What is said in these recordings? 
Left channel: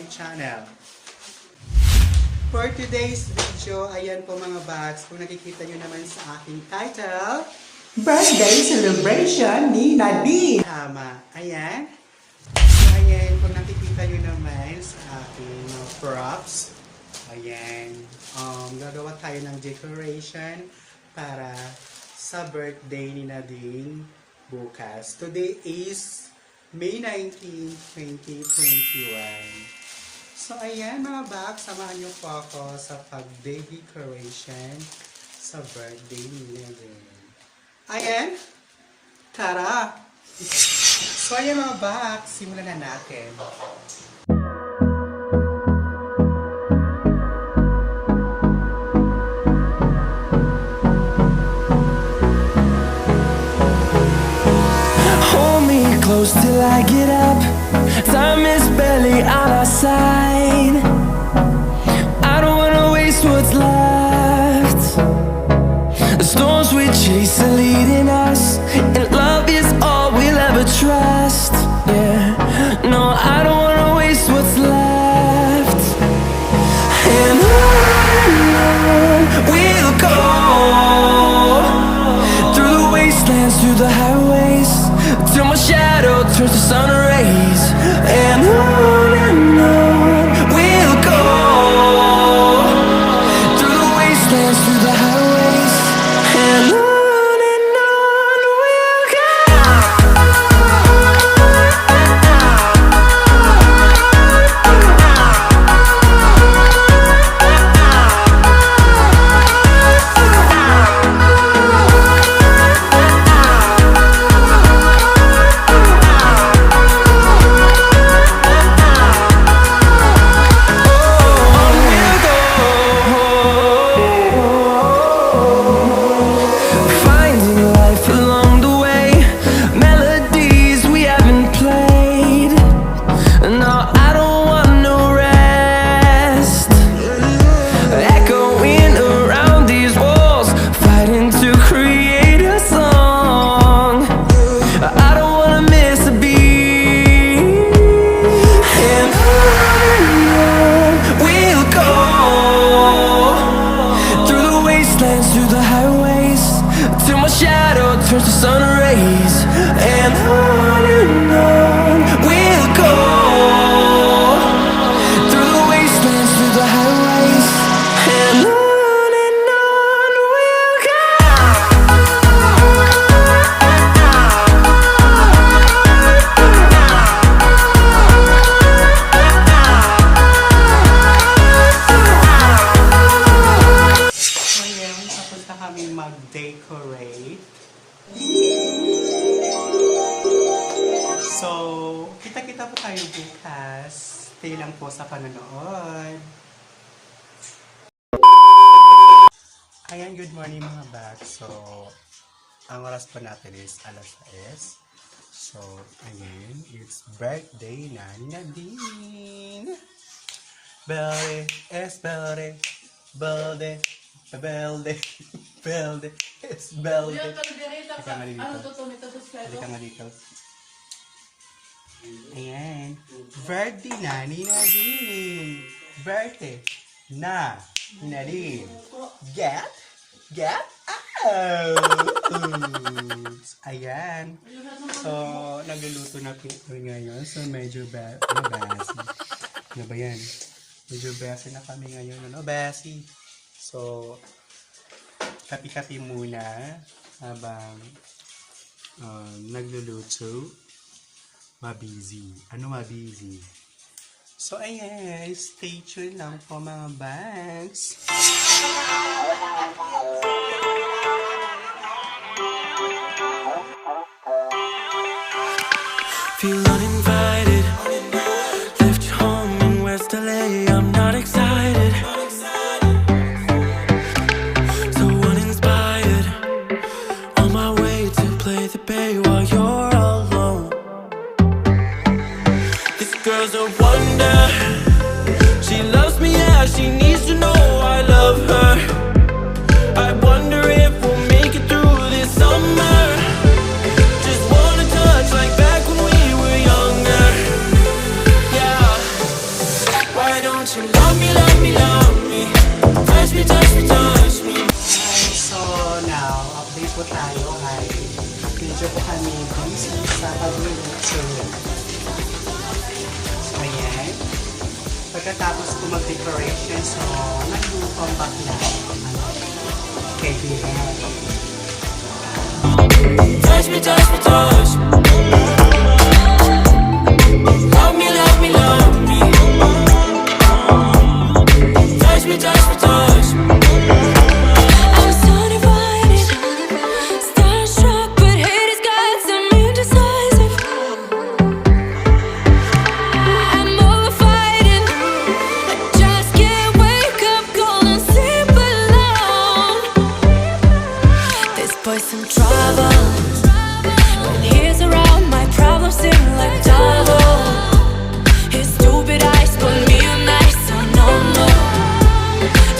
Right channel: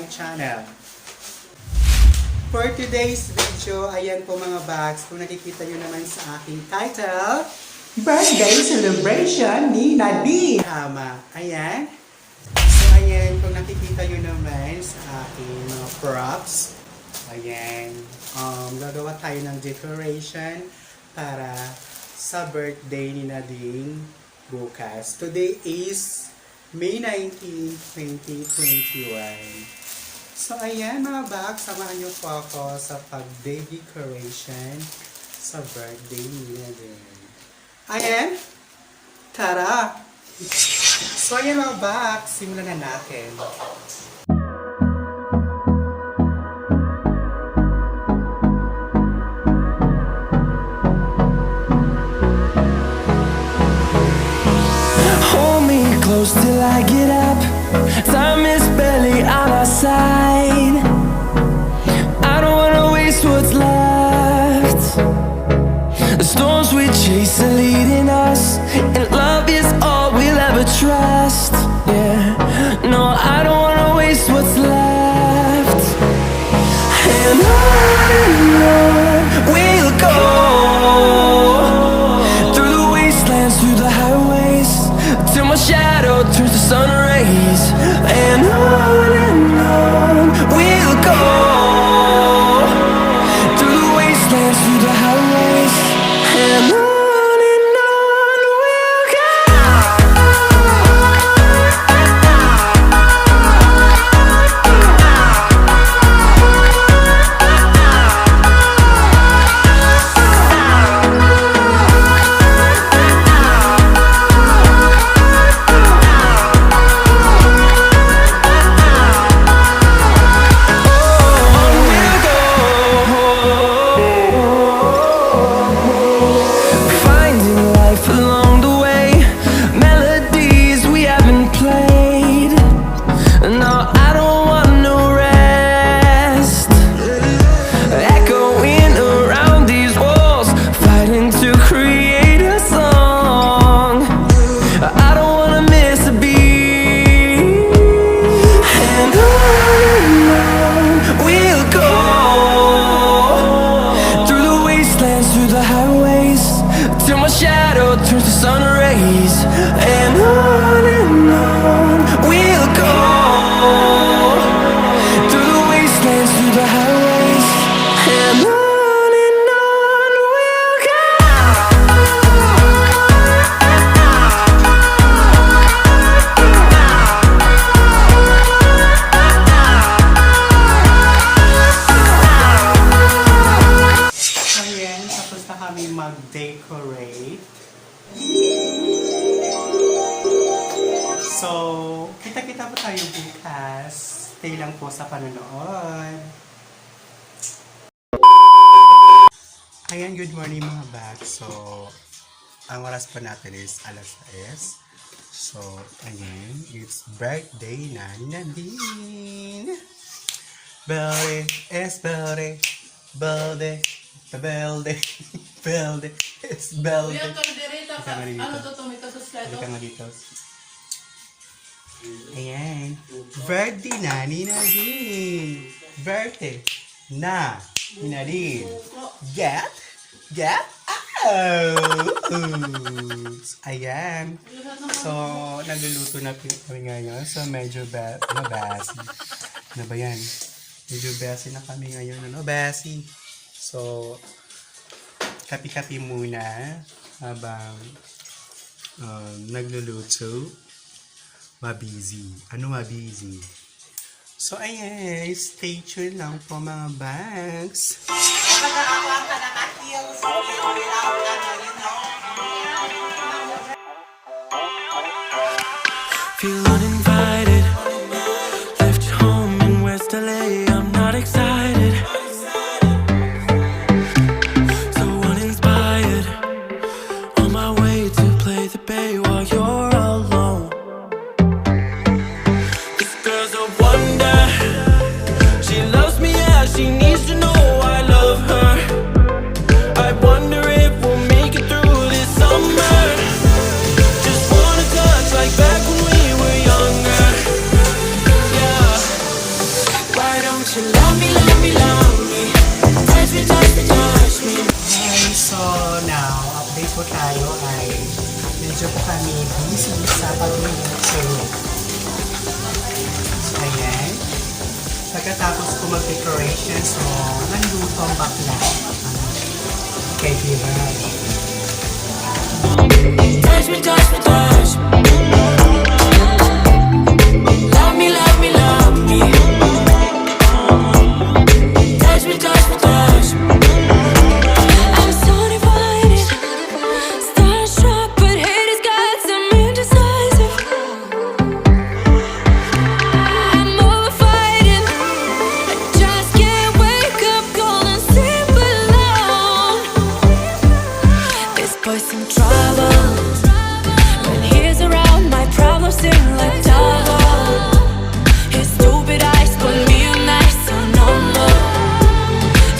my channel. For today's video, ayan po mga bakz, kung nakikita nyo naman sa aking title, Birthday Celebration ni Nadine! Tama, ayan. So ayan, kung nakikita nyo naman sa aking props, ayan, gagawa tayo ng decoration para sa birthday ni Nadine bukas. Today is May 19, 2021. So ayan mga bakz, samahan niyo po ako sa pag-day decoration sa birthday ni Nadine. Ayan, tara! So ayan mga bakz, simulan na natin. Close till I get up. Time is barely on our side. I don't wanna waste what's left. The storms we chase are leading us, and love is all we'll ever trust. Yeah, no, I don't wanna waste what's left. And on we'll go, through the wastelands, through the highways, till my shadow turns to sun rays. And on we'll go, through the wastelands, through the highways. And on we'll go. Through the highways, till my shadow turns to sun rays. And on we'll go, through the wastelands, through the highways. And on we'll go. Mag-decorate. So, kita-kita po tayo bukas. Stay lang po sa panonood. Ayan, good morning mga bakz. So, ang oras po natin is alas 6. So, ayan, it's birthday na ni Nadine. Belde, es belde, belde, belde. Belde, it's belde. Ano to tumito sa slide? Halika nga dito. Ayan. Birthday na ni Nadine. Birthday na ni Nadine. Get out! Ayan. So, nagluluto na kami ngayon. So, medyo basi. Ano ba yan? Medyo basi na kami ngayon. Ano, basi? So, kapi-kapi muna habang nagluluto. Mabusy. Ano mabusy? So, ayan. Stay tuned lang po mga bags. Feel uninvited. Left home in West LA. I'm not excited. Play the bay while you're alone. This girl's a wonder. She loves me, yeah, she needs to know I love don't you love me, love me, love me? Touch me, touch me, touch me. Okay, so now, update po tayo ay medyo po kami busy sa pagluluto. So, ayan. Pagkatapos po mag-decoration, so, nandito ang baklang. Okay, diba? Touch me, touch me, touch me. Love me, love me, love me. Touch me, touch me, touch me. I'm so divided, starstruck, but hate has got some indecisive. I'm over fighting, I just can't wake up cold and sleep alone. This boy's some trouble. When he's around, my problems seem like double. His stupid eyes put me on ice, so no, no.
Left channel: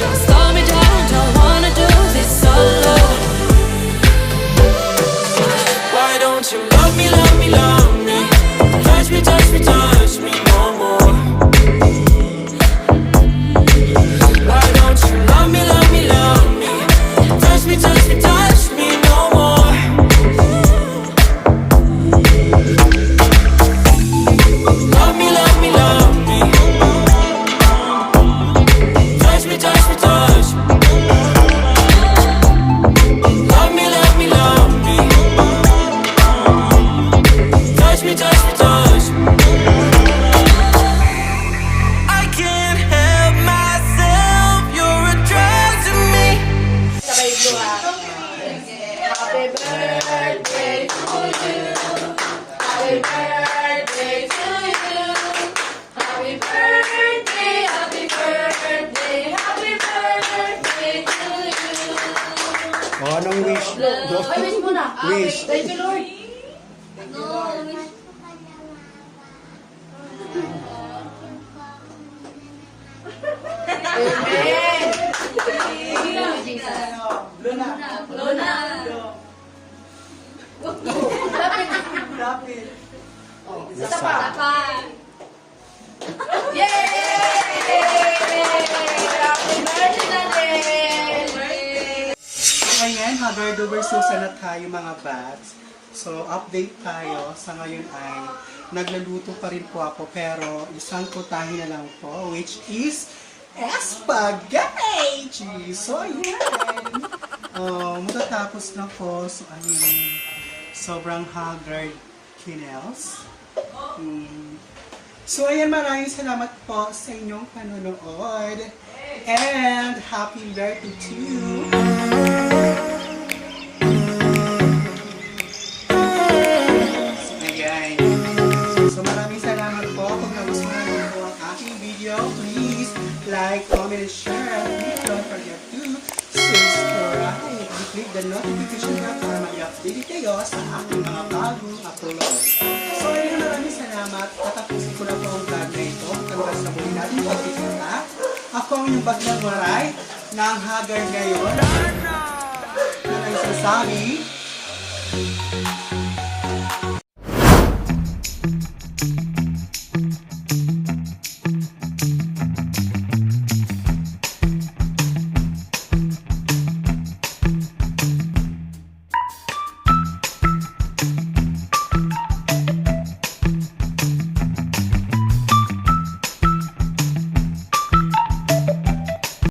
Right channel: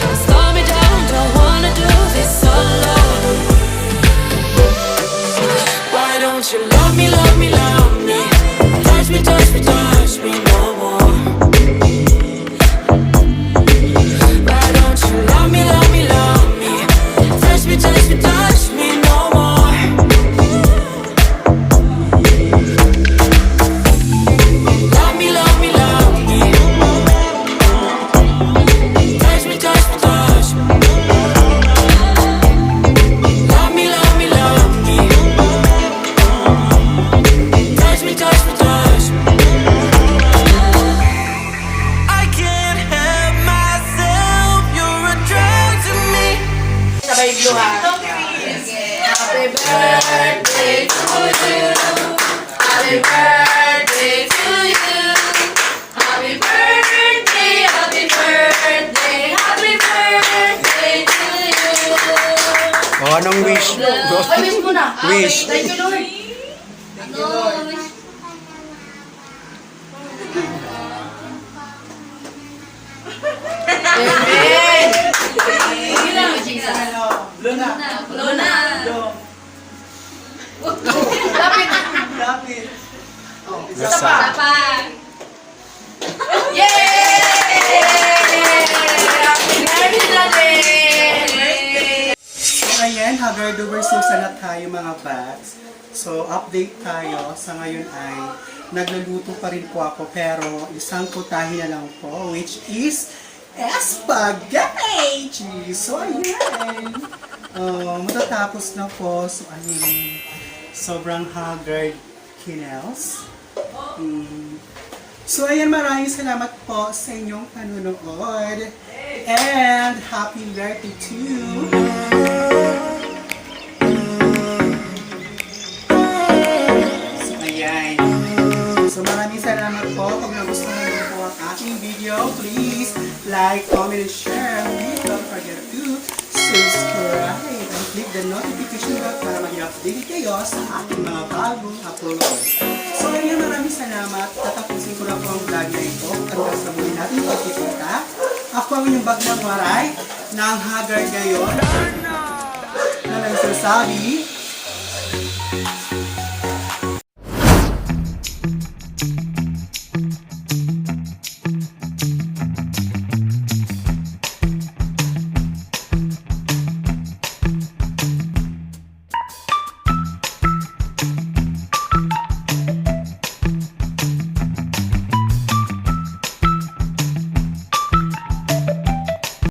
Don't slow me down, don't wanna do this solo. Why don't you love me, love me, love me? Touch me, touch me, touch me no more. Why don't you love me, love me, love me? Touch me, touch me, touch me no more. Love me, love me, love me. Touch me, touch me, touch me. Love me, love me, love me. Touch me, touch me, touch me. I can't help myself, you're a drug to me. Sabay blue ha. Happy birthday to you. Happy birthday to you. Happy birthday, happy birthday, happy birthday to you. Oh, anong wish mo? Ay, wish mo na. Wish. Thank you, Lord. Ano? Amen. Sige lang, Jesus. Luna. Lapit. Lapit. Sapa. Yay! Happy birthday! So, ayan, hagar-doers so sana tayo mga bats. So, update tayo. Sa ngayon ay nagluluto pa rin po ako pero isang putahe na lang po which is spaghetti! So, ayan. Matatapos na po. So, ayan. Sobrang haggard kinels. So, ayan, maraming salamat po sa inyong panunood. And happy birthday to you! So, ayan. So, maraming salamat po. Kung nagustuhan niyo po ang aking video, please like, comment, and share. And don't forget to subscribe and click the notification bell para mag-update kayo sa aking mga bagong upload. So, ayan, maraming salamat. Tatapusin ko na po ang vlog na ito. Hanggang sa muli natin pagkikita. Ako ang yung Baklang Waray na ang haggard ngayon. Na nagsasabi,